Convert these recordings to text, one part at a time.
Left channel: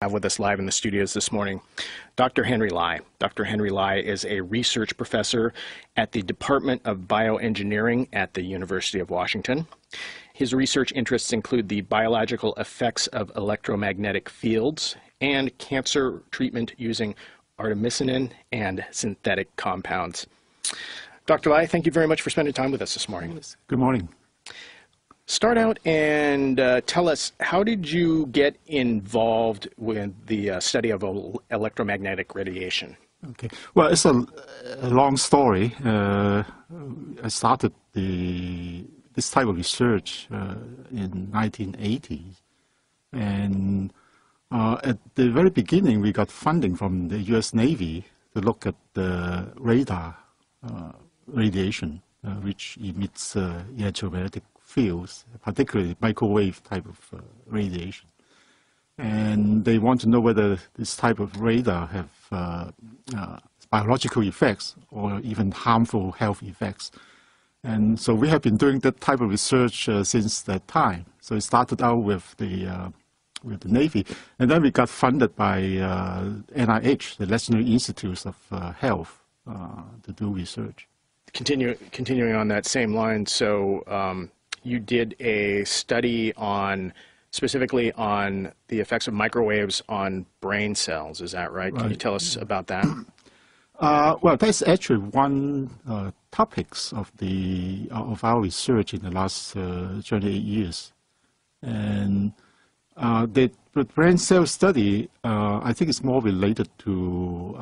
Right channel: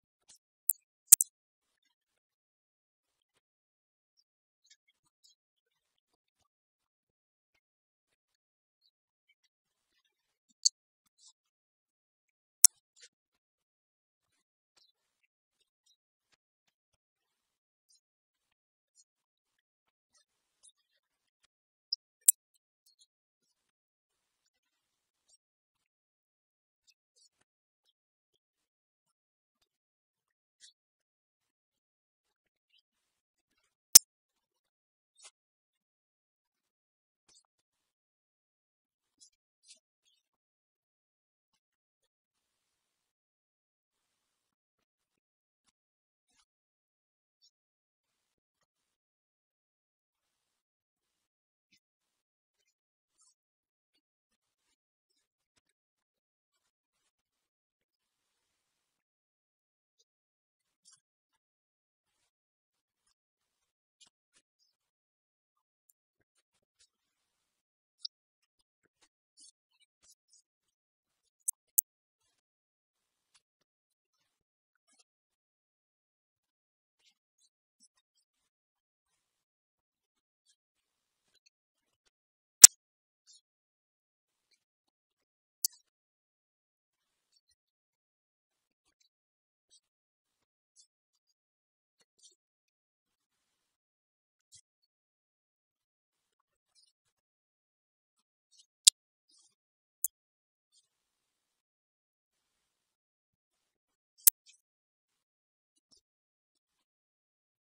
Have with us live in the studios this morning Dr. Henry Lai. Dr. Henry Lai is a research professor at the Department of Bioengineering at the University of Washington. His research interests include the biological effects of electromagnetic fields and cancer treatment using artemisinin and synthetic compounds. Dr. Lai, thank you very much for spending time with us this morning. Good morning. Start out and tell us, how did you get involved with the study of electromagnetic radiation? Okay. Well, it's a long story. I started this type of research in 1980, and at the very beginning, we got funding from the U.S. Navy to look at the radar radiation, which emits electromagnetic fields, particularly microwave type of radiation. And they want to know whether this type of radar have biological effects or even harmful health effects. And so we have been doing that type of research since that time. So it started out with the Navy, and then we got funded by NIH, the National Institutes of Health, to do research. Continuing on that same line, so you did a study specifically on the effects of microwaves on brain cells, is that right? Can you tell us about that? Well, that's actually one topics of our research in the last 28 years. And the brain cell study, I think, is more related to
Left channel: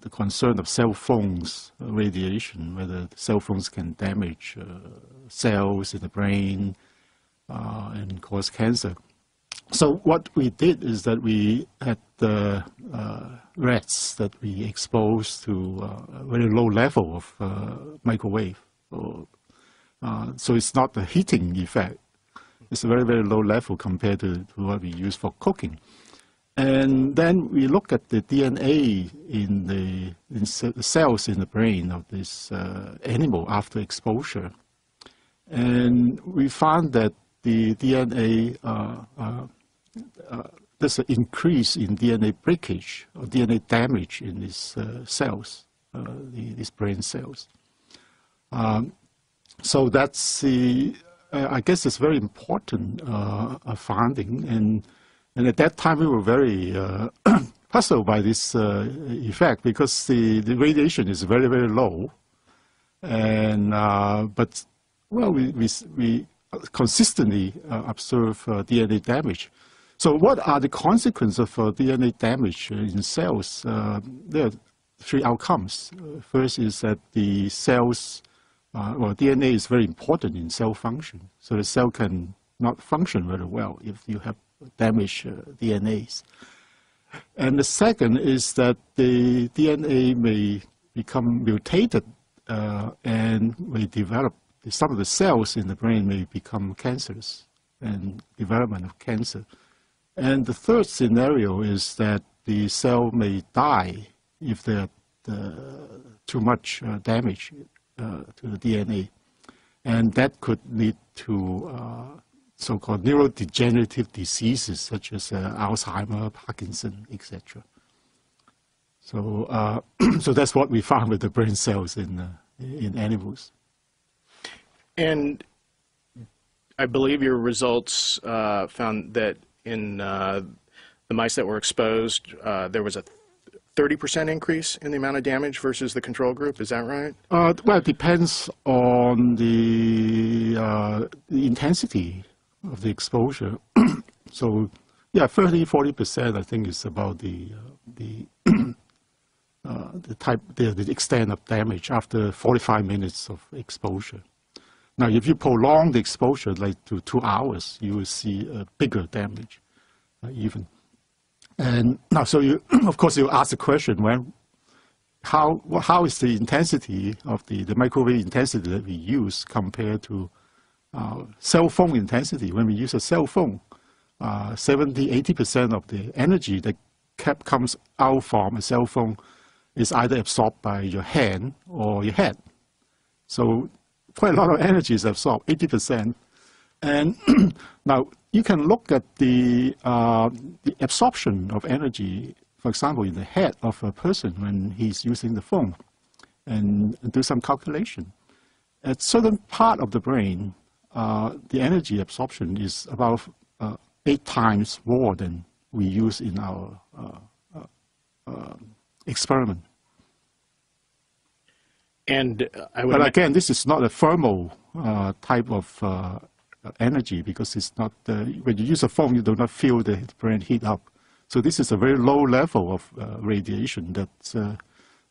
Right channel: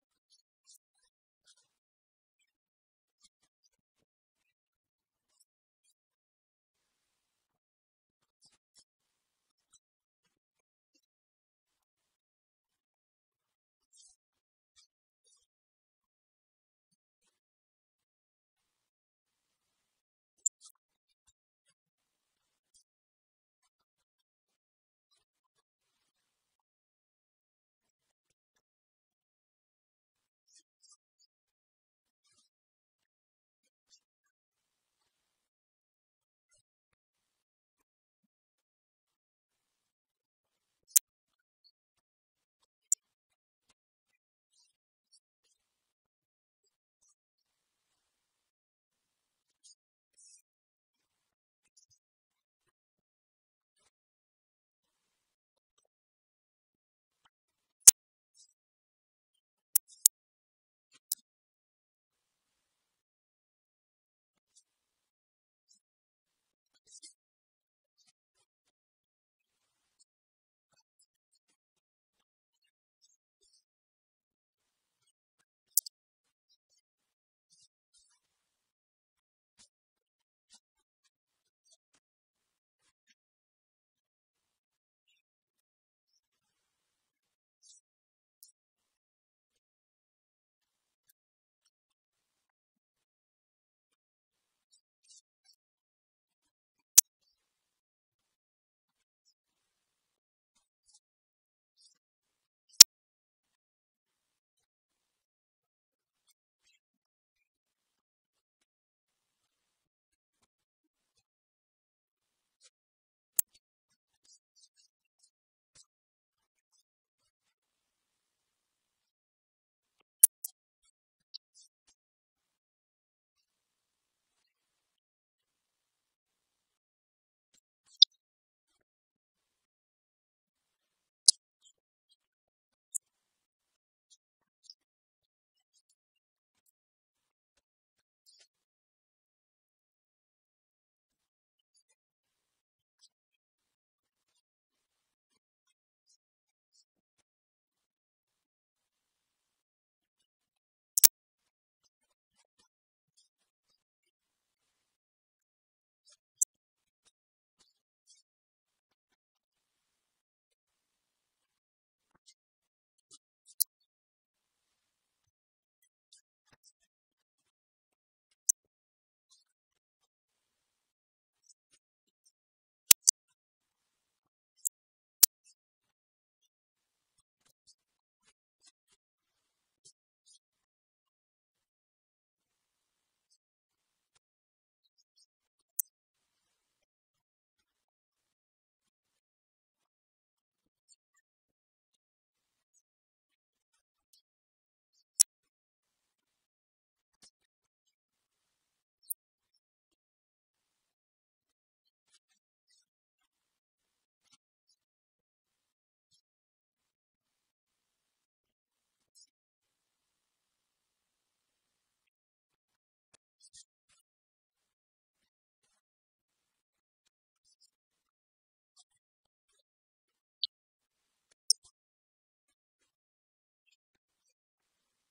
the concern of cell phones radiation, whether cell phones can damage cells in the brain and cause cancer. So what we did is that we had the rats that we exposed to a very low level of microwave. So it's not a heating effect. It's a very, very low level compared to what we use for cooking. And then we look at the DNA in the cells in the brain of this animal after exposure. And we found that the DNA, there's an increase in DNA breakage or DNA damage in these cells, these brain cells. So that's I guess it's very important finding. And at that time, we were very puzzled by this effect because the radiation is very, very low. And but well, we consistently observe DNA damage. So what are the consequences of DNA damage in cells? There are three outcomes. First is that the cells, well, DNA is very important in cell function. So the cell can not function very well if you have damaged DNAs. And the second is that the DNA may become mutated and may develop, some of the cells in the brain may become cancerous and development of cancer. And the third scenario is that the cell may die if there's too much damage to the DNA. And that could lead to so-called neurodegenerative diseases such as Alzheimer, Parkinson, etc. So, so that's what we found with the brain cells in animals. And I believe your results found that in the mice that were exposed, there was a 30% increase in the amount of damage versus the control group. Is that right? Well, it depends on the intensity of the exposure. So, yeah, 30–40%, I think, is about the extent of damage after 45 minutes of exposure. Now, if you prolong the exposure like to 2 hours, you will see a bigger damage, even. And now, so you, of course, you ask the question: how is the intensity of the microwave intensity that we use compared to cell phone intensity? When we use a cell phone, 70–80% of the energy that comes out from a cell phone is either absorbed by your hand or your head. So quite a lot of energy is absorbed, 80%. And now you can look at the absorption of energy, for example, in the head of a person when he's using the phone, and do some calculation. At certain part of the brain, the energy absorption is about 8 times more than we use in our experiment. And but again, this is not a thermal type of energy, because it's not, when you use a phone, you do not feel the brain heat up. So this is a very low level of radiation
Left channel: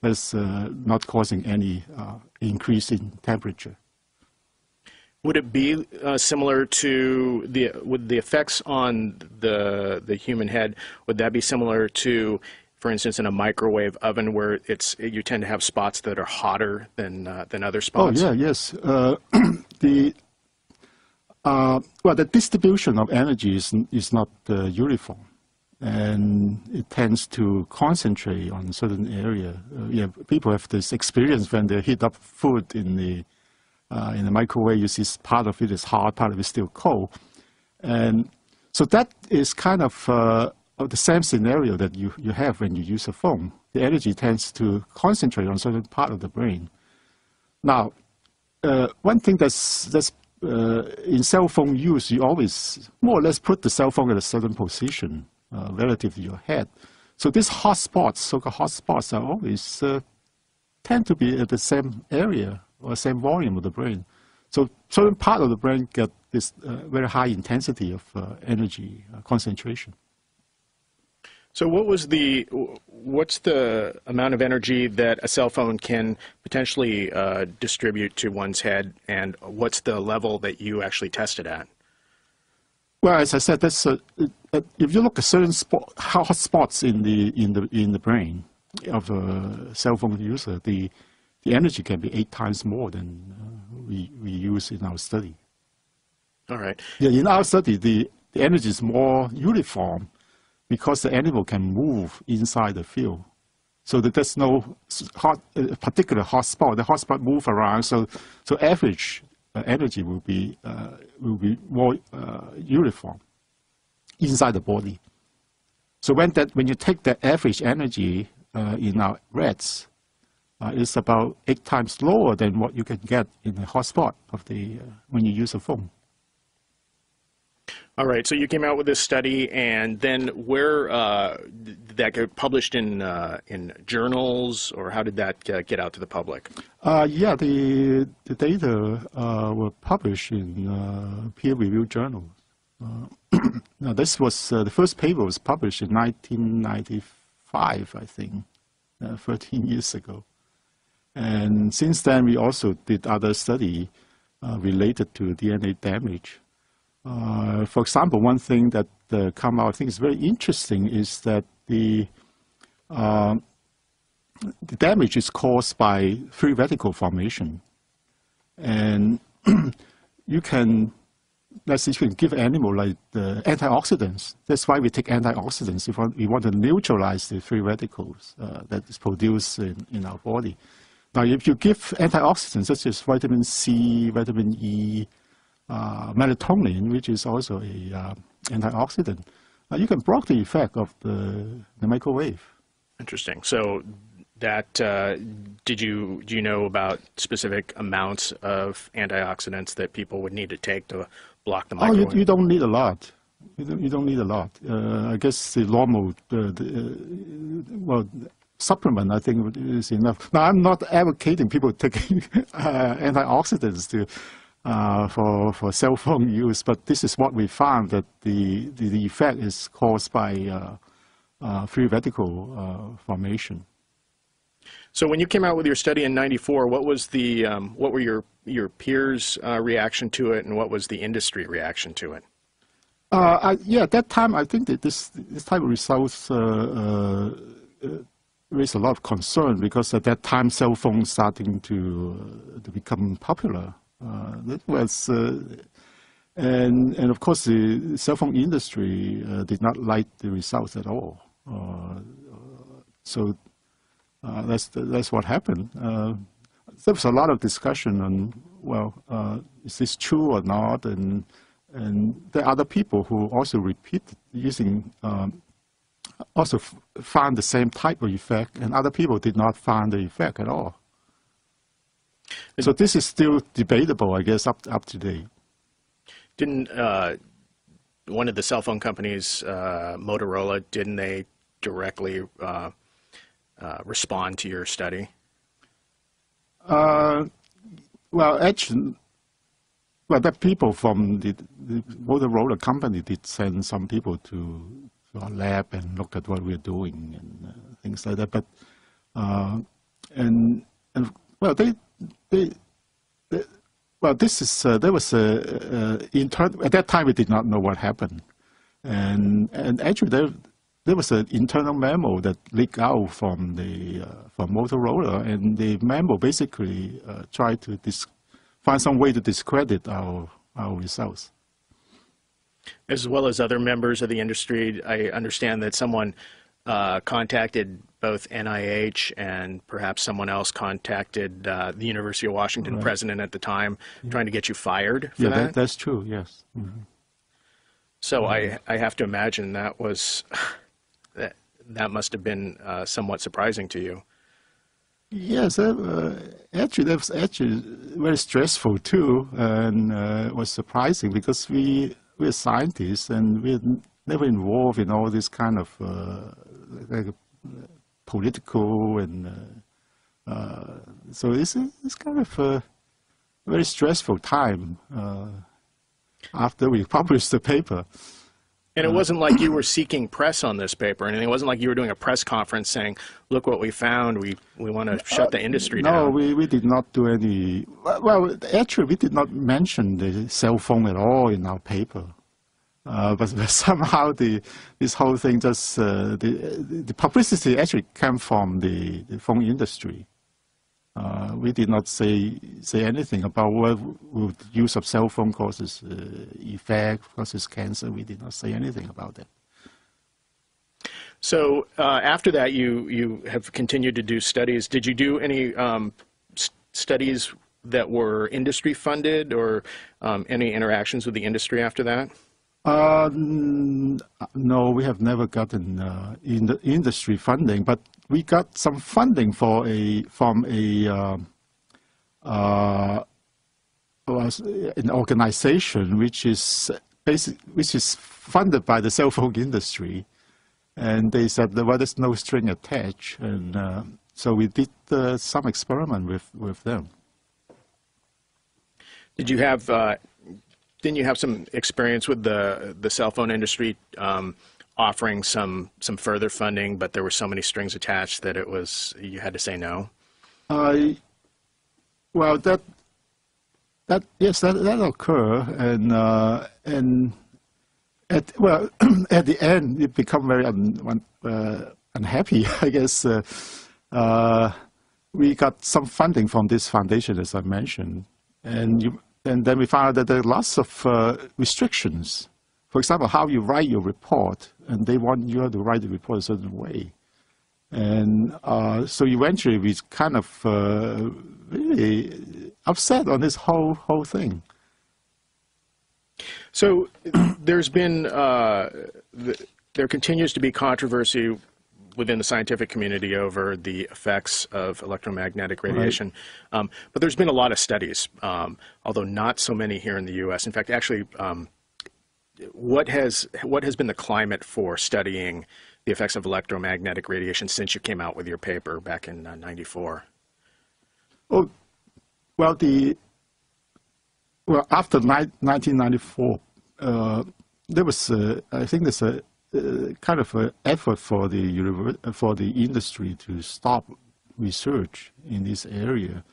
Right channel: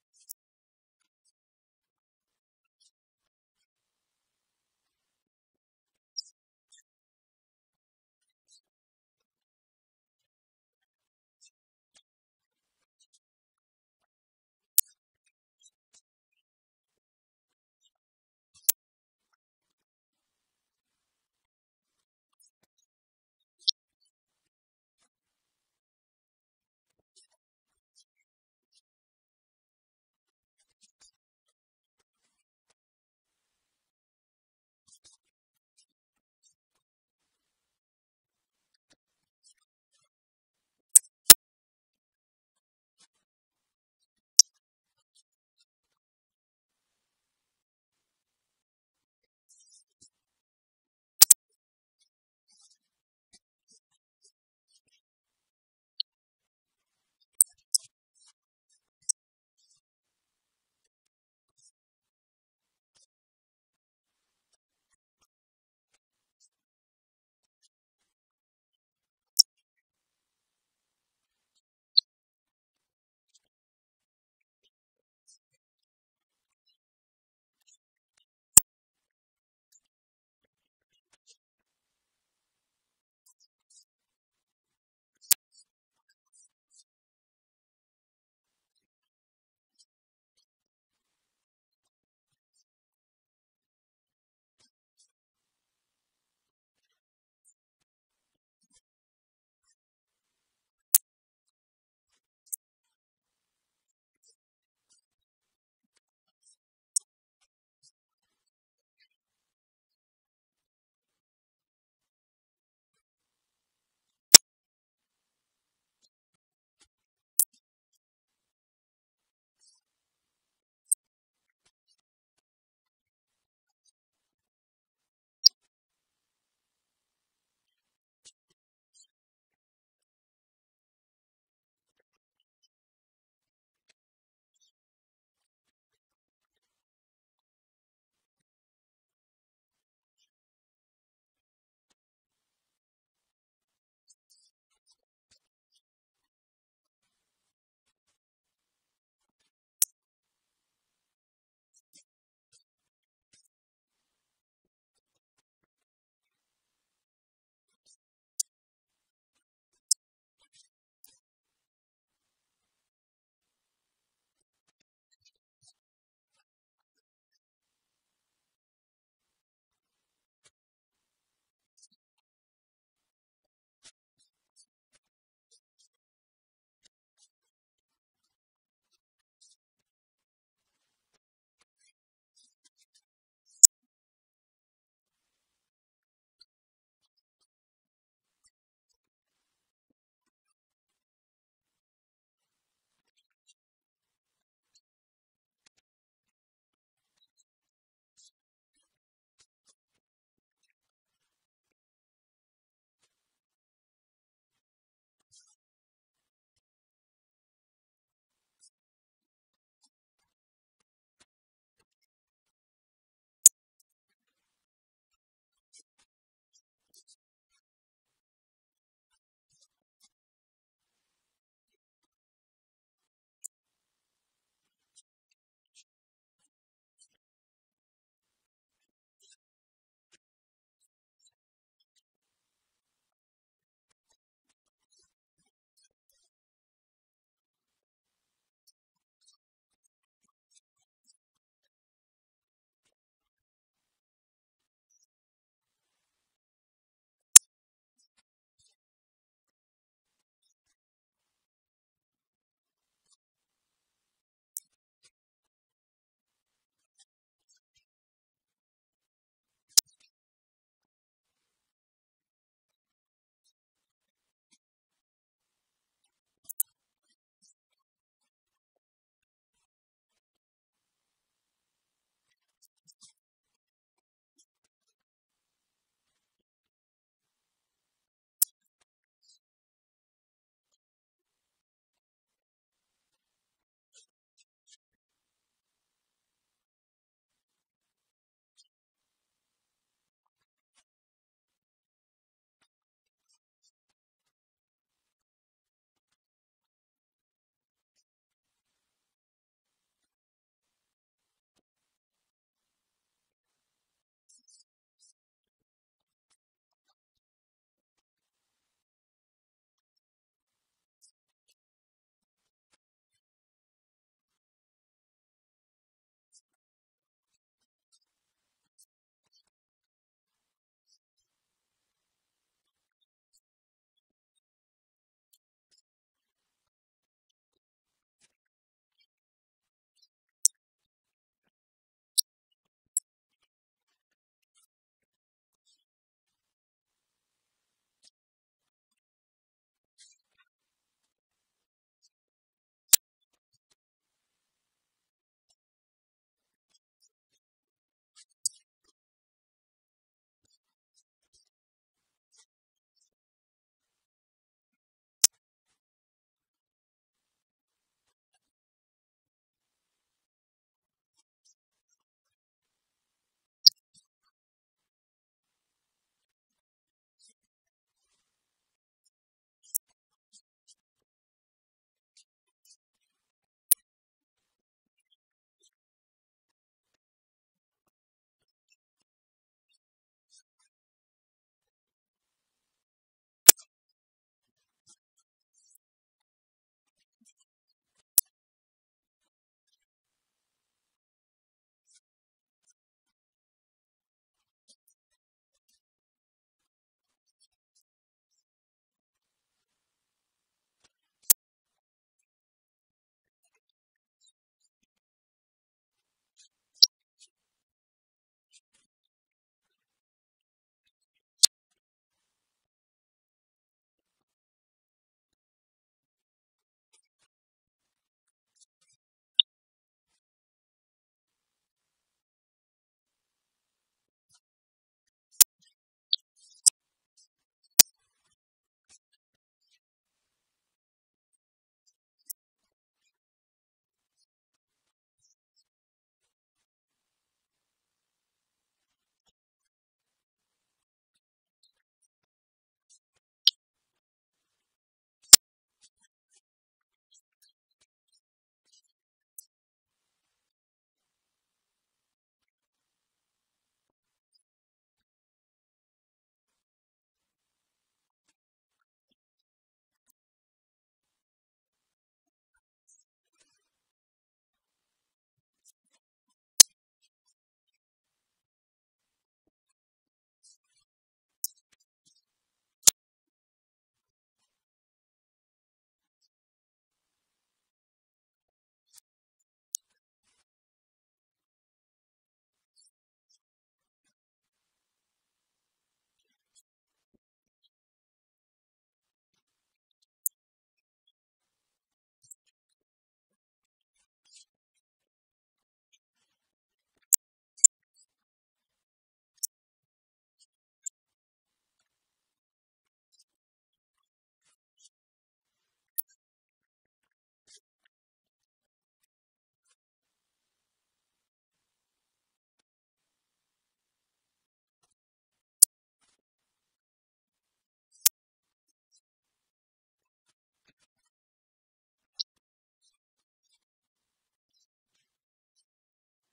that's not causing any increase in temperature. would it be similar to would the effects on the human head, would that be similar to, for instance, in a microwave oven where you tend to have spots that are hotter than other spots? Oh, yeah, yes. Well, the distribution of energy is not uniform, and it tends to concentrate on a certain area. Yeah, people have this experience when they heat up food in the microwave. You see part of it is hot, part of it is still cold, and so that is kind of the same scenario that you have when you use a phone. The energy tends to concentrate on a certain part of the brain. Now, one thing that's in cell phone use, you always more or less put the cell phone at a certain position relative to your head. So these hot spots, so-called hot spots, are always tend to be at the same area or same volume of the brain. So certain part of the brain get this very high intensity of energy concentration. So what's the amount of energy that a cell phone can potentially distribute to one's head, and what's the level that you actually tested at? Well, as I said, that's if you look at certain hot spots in the brain of a cell phone user, the energy can be 8 times more than we use in our study. All right. Yeah, in our study, the energy is more uniform, because the animal can move inside the field. So that there's no particular hot spot. The hot spot move around, so average energy will be more uniform inside the body. So when you take the average energy in our rats, it's about 8 times lower than what you can get in the hot spot of when you use a phone. All right, so you came out with this study, and then where did that get published in journals, or how did that get out to the public? Yeah, the data were published in peer-reviewed journals. Now, this was the first paper was published in 1995, I think, 13 years ago. And since then, we also did other study related to DNA damage. For example, one thing that come out, I think is very interesting, is that the damage is caused by free radical formation. And you can, let's say, you can give animal like the antioxidants. That's why we take antioxidants if we want to neutralize the free radicals that is produced in our body. Now, if you give antioxidants such as vitamin C, vitamin E, melatonin, which is also a antioxidant, you can block the effect of the microwave. Interesting. So that do you know about specific amounts of antioxidants that people would need to take to block the microwave? Oh, you don't need a lot. You don't need a lot. I guess the normal, well, supplement, I think, is enough. Now, I'm not advocating people taking antioxidants for cell phone use, but this is what we found, that the effect is caused by free radical formation. So when you came out with your study in '94, what was what were your peers' reaction to it, and what was the industry reaction to it? Yeah, at that time, I think that this type of results raised a lot of concern, because at that time, cell phones starting to become popular. That was, and of course, the cell phone industry did not like the results at all. So that's what happened. There was a lot of discussion on, well, is this true or not? And and there are other people who also repeated using, also found the same type of effect, and other people did not find the effect at all. So this is still debatable, I guess, up to date. Didn't one of the cell phone companies, Motorola, didn't they directly respond to your study? Well, actually, well, the people from the Motorola company did send some people to our lab and look at what we're doing and things like that. But and well, well, this is there was a at that time we did not know what happened, and actually there was an internal memo that leaked out from the from Motorola, and the memo basically tried to find some way to discredit our results. As well as other members of the industry, I understand that someone contacted both NIH and perhaps someone else contacted the University of Washington president at the time, trying to get you fired for that? That's true, yes. Mm-hmm. So I have to imagine that was, that must have been somewhat surprising to you. Yes, actually, that was actually very stressful too, and it was surprising because we're scientists and we're never involved in all this kind of like political and so it's kind of a very stressful time after we published the paper. And it wasn't like you were seeking press on this paper, and it wasn't like you were doing a press conference saying, look what we found, we want to shut the industry down. No, we did not do any, well, actually we did not mention the cell phone at all in our paper. But somehow this whole thing just, the publicity actually came from the phone industry. We did not say anything about what would use of cell phone causes effect, causes cancer. We did not say anything about that. So after that, you have continued to do studies. Did you do any studies that were industry funded, or any interactions with the industry after that? No, we have never gotten in the industry funding, but we got some funding from an organization which is funded by the cell phone industry, and they said well, there's no string attached, and so we did some experiment with them. Did you have? Didn't you have some experience with the cell phone industry offering some further funding, but there were so many strings attached that you had to say no? Well, that occurred, and at the end it became very unhappy. I guess we got some funding from this foundation, as I mentioned, and then we found out that there are lots of restrictions. For example, how you write your report, and they want you to write the report a certain way. And so eventually we kind of really upset on this whole thing. So there's been, there continues to be controversy within the scientific community over the effects of electromagnetic radiation. Right. But there's been a lot of studies, although not so many here in the U.S. In fact, actually, what has been the climate for studying the effects of electromagnetic radiation since you came out with your paper back in '94? Oh, well, after 1994, there was, I think there's a kind of an effort for the industry to stop research in this area.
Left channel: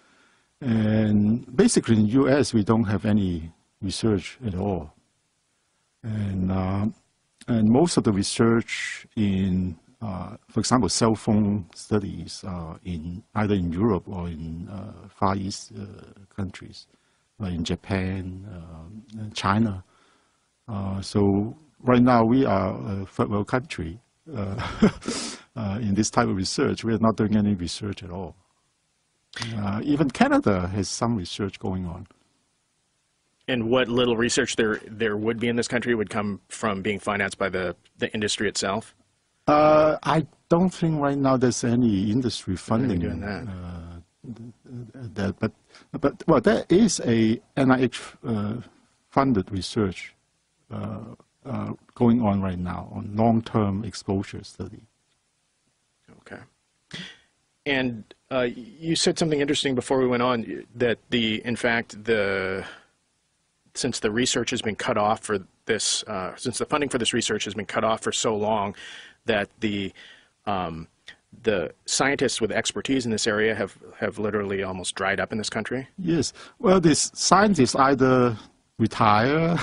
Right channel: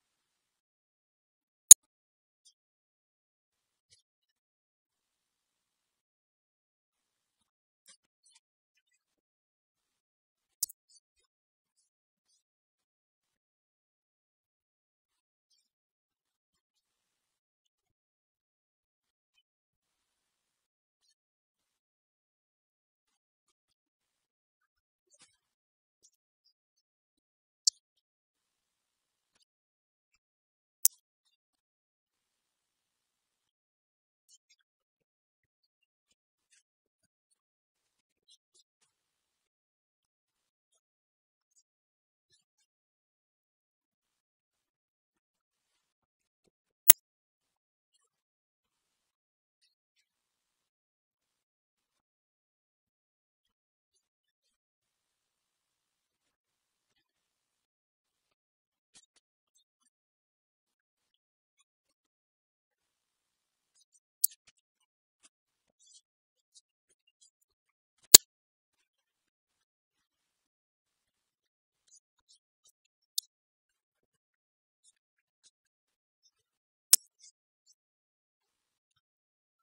And basically in the U.S. we don't have any research at all. And most of the research in, for example, cell phone studies either in Europe or in Far East countries, like in Japan, China. So right now we are a third world country in this type of research. We are not doing any research at all. Even Canada has some research going on. And what little research there would be in this country would come from being financed by the industry itself? I don't think right now there's any industry funding doing that. But well, there is a NIH funded research going on right now on long-term exposure study. Okay. And you said something interesting before we went on, that in fact, since the research has been cut off for this, since the funding for this research has been cut off for so long, that the scientists with expertise in this area have literally almost dried up in this country? Yes. Well, these scientists either retire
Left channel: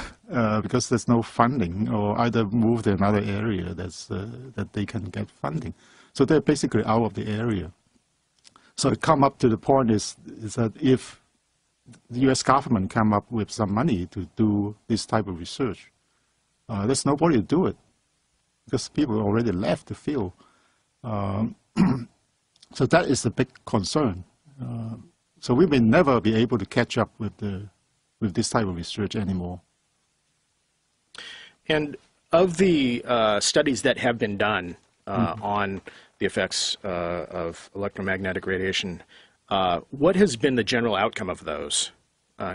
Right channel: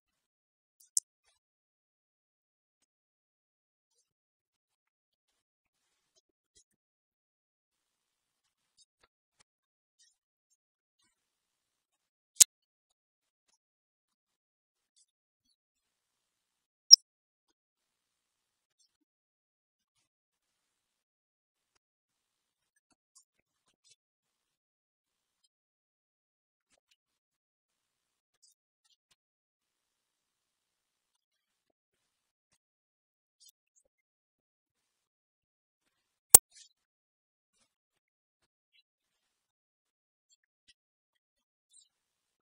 because there's no funding, or either move to another area that they can get funding. So they're basically out of the area. So it come up to the point is that if the U.S. government come up with some money to do this type of research, there's nobody to do it because people already left the field. So that is a big concern. So we may never be able to catch up with this type of research anymore. And of the studies that have been done on the effects of electromagnetic radiation, what has been the general outcome of those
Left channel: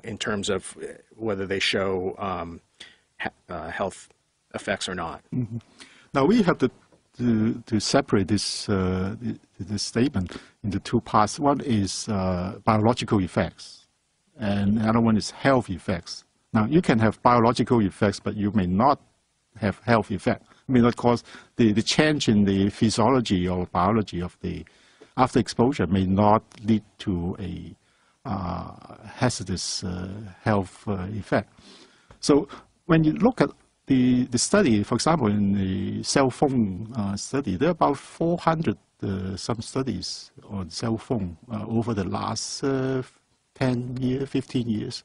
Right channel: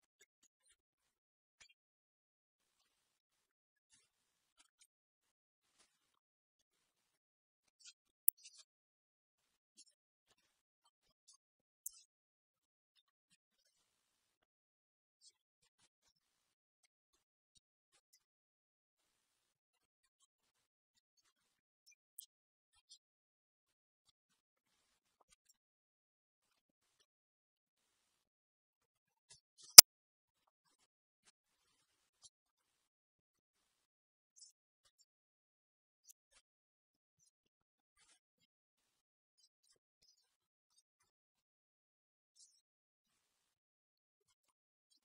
in terms of whether they show health effects or not? Mm-hmm. Now we have to separate this statement into two parts. One is biological effects, and the other one is health effects. Now you can have biological effects, but you may not have health effect. It may not cause the change in the physiology or biology of the after exposure may not lead to a hazardous health effect. So when you look at the study, for example, in the cell phone study, there are about 400 some studies on cell phone over the last 10 years, 15 years.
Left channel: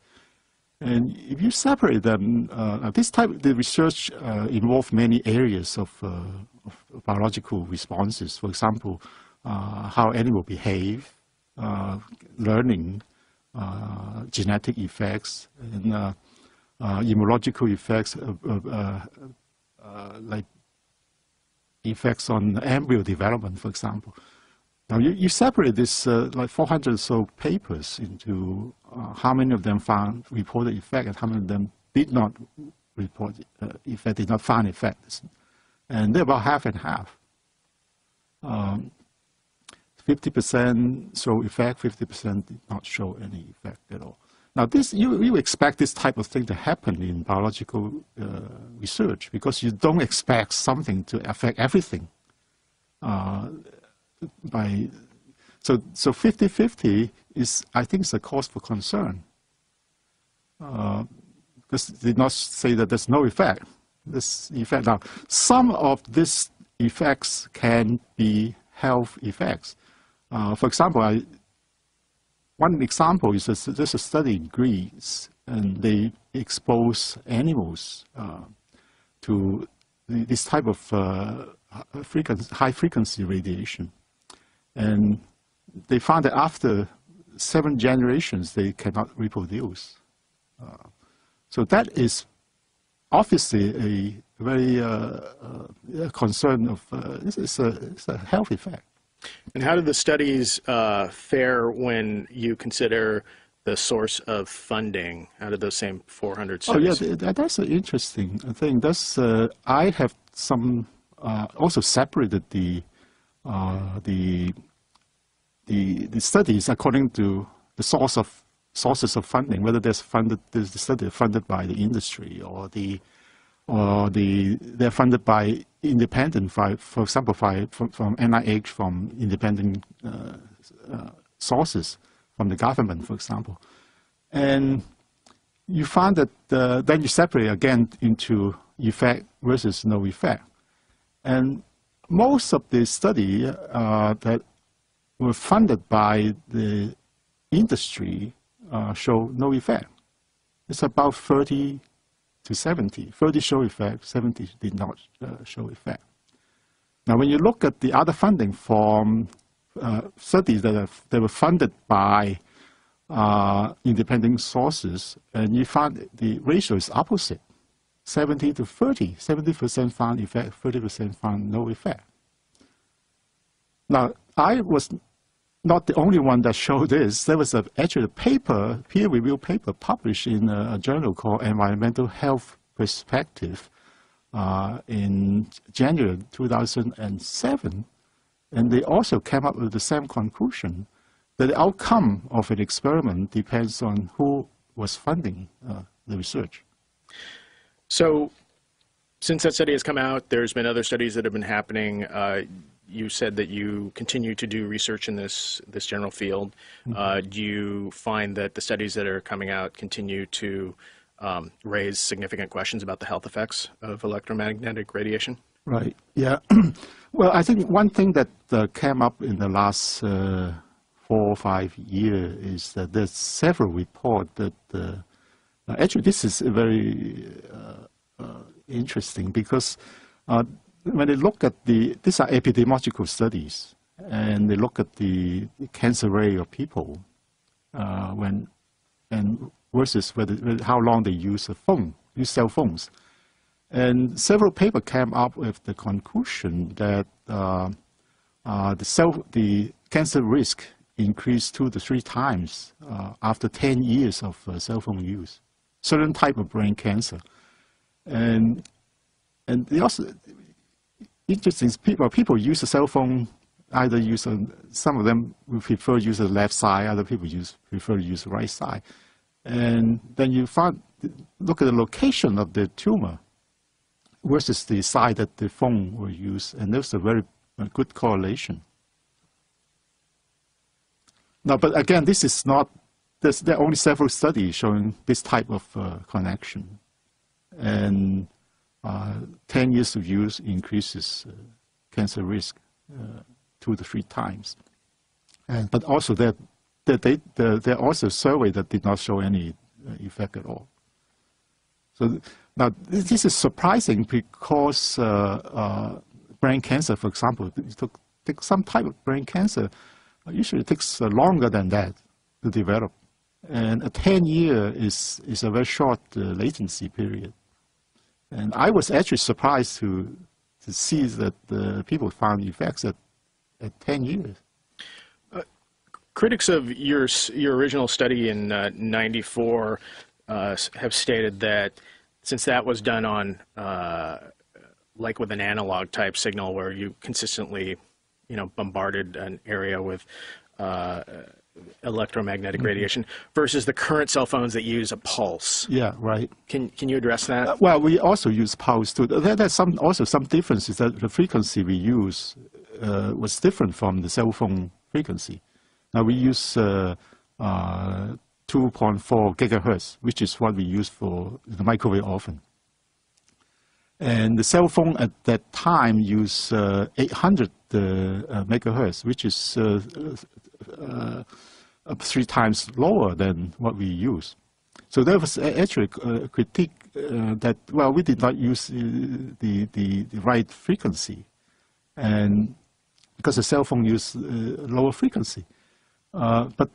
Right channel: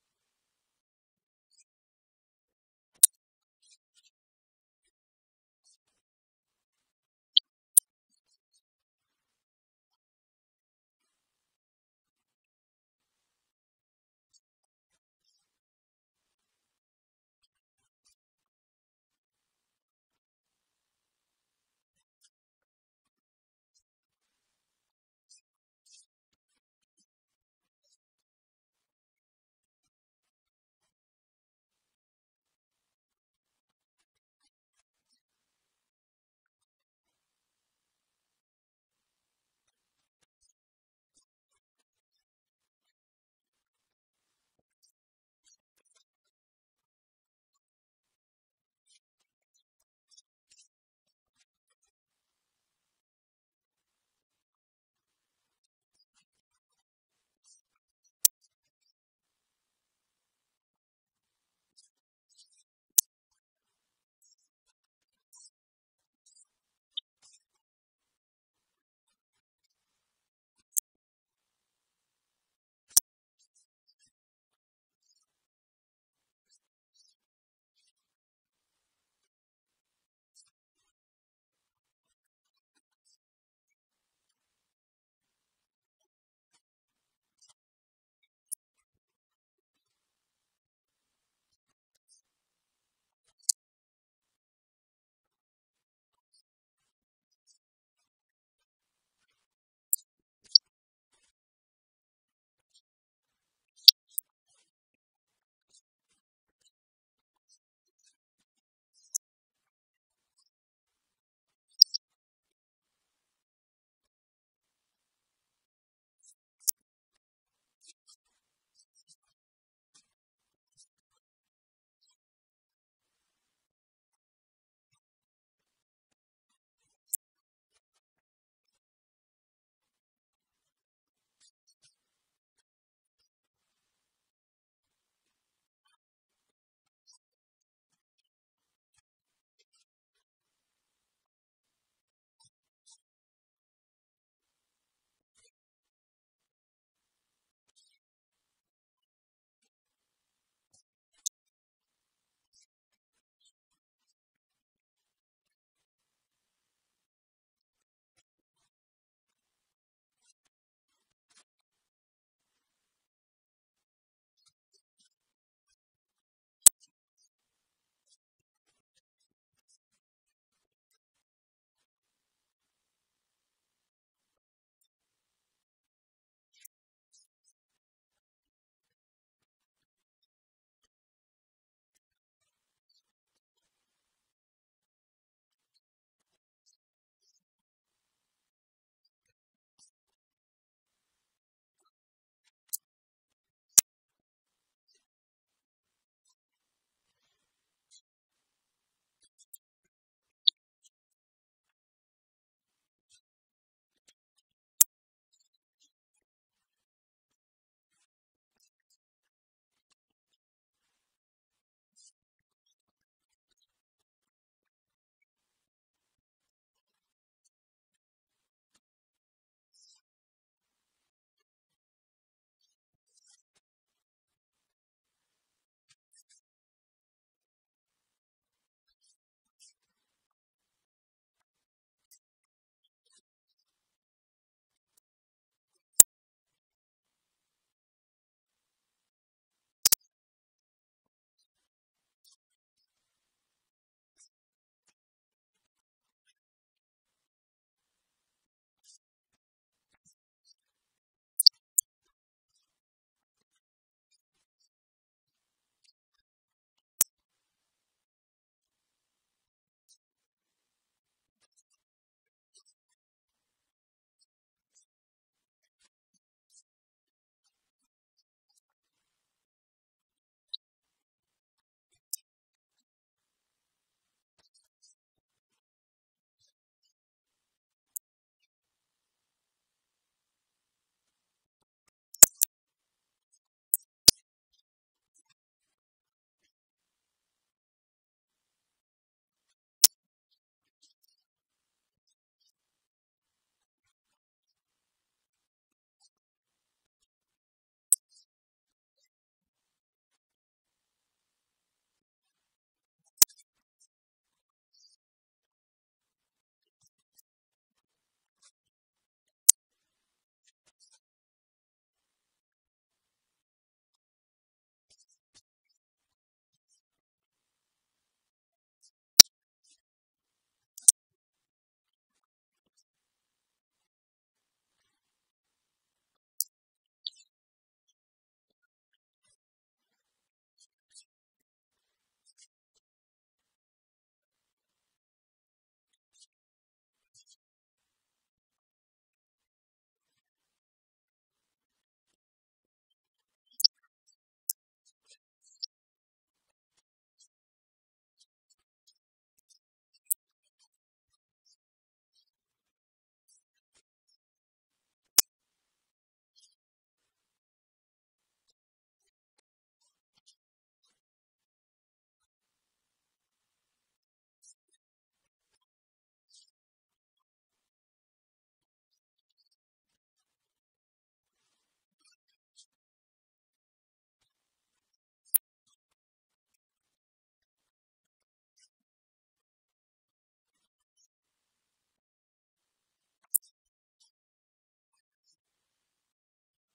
And if you separate them, this type of the research involves many areas of biological responses. For example, how animals behave, learning, genetic effects, and immunological effects, like effects on embryo development, for example. Now you separate this like 400 or so papers into how many of them found reported effect and how many of them did not report effect, did not find effects. And they're about half and half. 50% show effect, 50% did not show any effect at all. Now, you expect this type of thing to happen in biological research because you don't expect something to affect everything. So 50-50 is, I think, is a cause for concern. Because they did not say that there's no effect. This effect. Now, some of these effects can be health effects. For example, one example is there's a study in Greece, and they expose animals to this type of high-frequency radiation. And they found that after 7 generations, they cannot reproduce. So that is obviously a very concern of, it's a health effect. And how did the studies fare when you consider the source of funding? How did those same 400 studies? Oh yeah, that's an interesting thing. That's I have some also separated the studies according to the sources of funding, whether the study funded by the industry or they're funded by independent, for example, from NIH, from independent sources, from the government, for example. And you find that then you separate again into effect versus no effect. And most of the study that were funded by the industry show no effect. It's about 30 to 70. 30 show effect, 70 did not show effect. Now, when you look at the other funding from studies that were funded by independent sources, and you find the ratio is opposite, 70 to 30. 70% found effect, 30% found no effect. Now, I was not the only one that showed this. There was actually a paper, peer-reviewed paper, published in a journal called Environmental Health Perspective in January 2007. And they also came up with the same conclusion, that the outcome of an experiment depends on who was funding the research. So since that study has come out, there's been other studies that have been happening. You said that you continue to do research in this general field. Mm-hmm. Do you find that the studies that are coming out continue to raise significant questions about the health effects of electromagnetic radiation? Right, yeah. Well, I think one thing that came up in the last 4 or 5 years is that there's several reports that actually this is very interesting, because when they look at these are epidemiological studies, and they look at the cancer rate of people versus how long they use cell phones. And several papers came up with the conclusion that the cancer risk increased 2 to 3 times after 10 years of cell phone use, certain type of brain cancer. And they also, interesting, people use a cell phone, either use some of them would prefer use the left side, other people prefer to use the right side. And then you look at the location of the tumor versus the side that the phone will use, and there's a very good correlation. Now, but again, this is not, there are only several studies showing this type of connection. And 10 years of use increases cancer risk 2 to 3 times. But also there are also surveys that did not show any effect at all. So now this is surprising, because brain cancer, for example, take some type of brain cancer, usually takes longer than that to develop. And a 10-year is a very short latency period. And I was actually surprised to see that people found effects at 10 years. Critics of your original study in '94 have stated that since that was done on like with an analog type signal, where you consistently, bombarded an area with electromagnetic radiation, versus the current cell phones that use a pulse. Yeah, right. Can you address that? Well, we also use pulse too. There's also some differences, that the frequency we use was different from the cell phone frequency. Now we use 2.4 gigahertz, which is what we use for the microwave oven. And the cell phone at that time used 800 megahertz, which is 3 times lower than what we use. So there was actually a critique that, well, we did not use the right frequency, and because the cell phone used lower frequency. But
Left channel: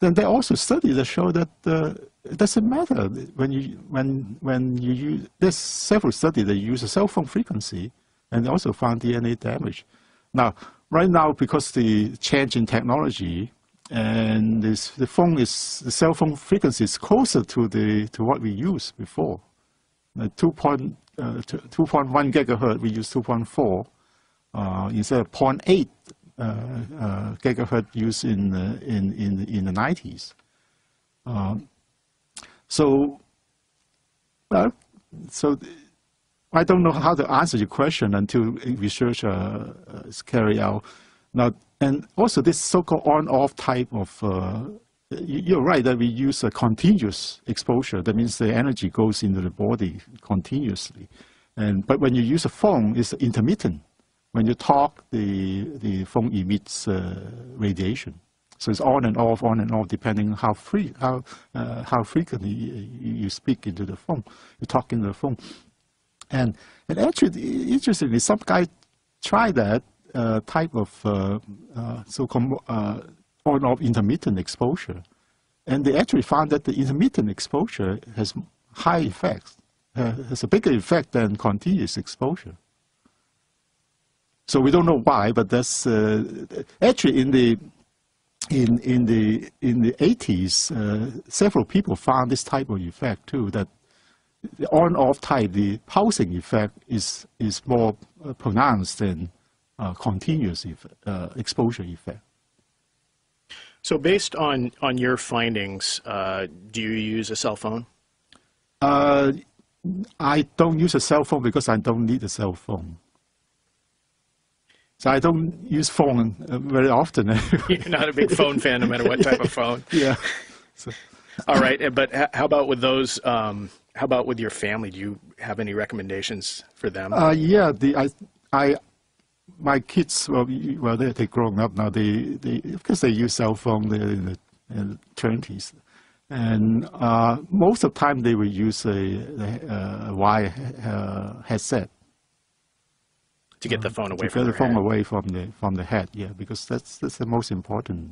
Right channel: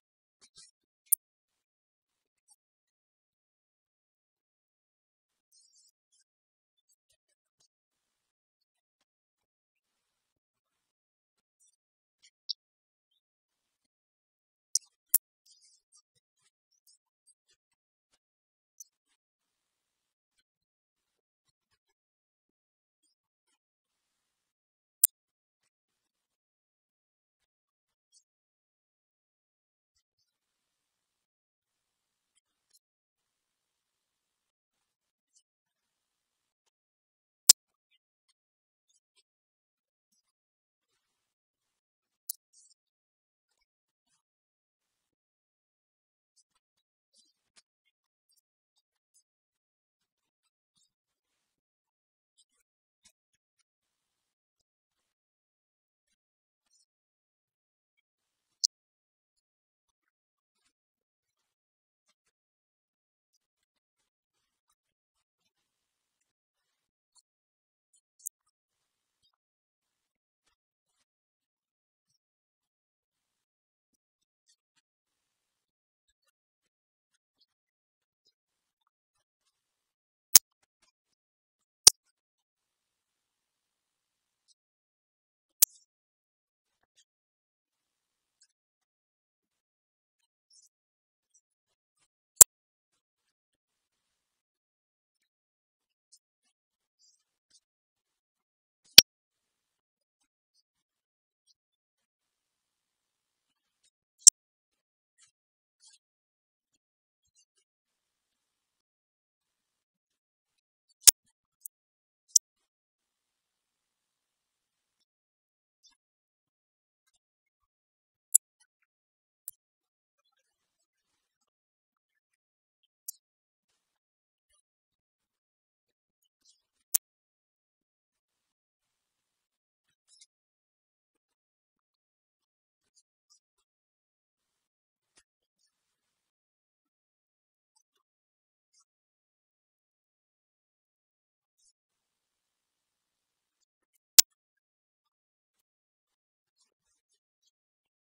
then there are also studies that show that it doesn't matter when you use. There's several studies that use a cell phone frequency, and they also found DNA damage. Now, right now, because the change in technology, and the cell phone frequency is closer to what we used before. 2.1 gigahertz, we use 2.4 instead of 0.8 gigahertz used in the 90s. So I don't know how to answer your question until research is carried out. Now, and also this so-called on-off type of, you're right that we use a continuous exposure. That means the energy goes into the body continuously. But when you use a phone, it's intermittent. When you talk, the phone emits radiation. So it's on and off, depending on how frequently you speak into the phone, you talk into the phone. And actually, interestingly, some guy tried that type of so-called on-off intermittent exposure. and they actually found that the intermittent exposure has high effects, has a bigger effect than continuous exposure. So we don't know why, but that's actually in the 80s, several people found this type of effect too. That the on-off type, the pulsing effect is more pronounced than continuous exposure effect. So based on your findings, do you use a cell phone? I don't use a cell phone because I don't need a cell phone. So I don't use phone very often. You're not a big phone fan, no matter what type of phone. Yeah. So. All right, but how about with those? How about with your family? Do you have any recommendations for them? Yeah, my kids, well, they're growing up now. Because they use cell phone, they're in the 20s, and most of the time they will use a wire headset. To get the phone away from the phone head. away from the head, yeah, because that's the most important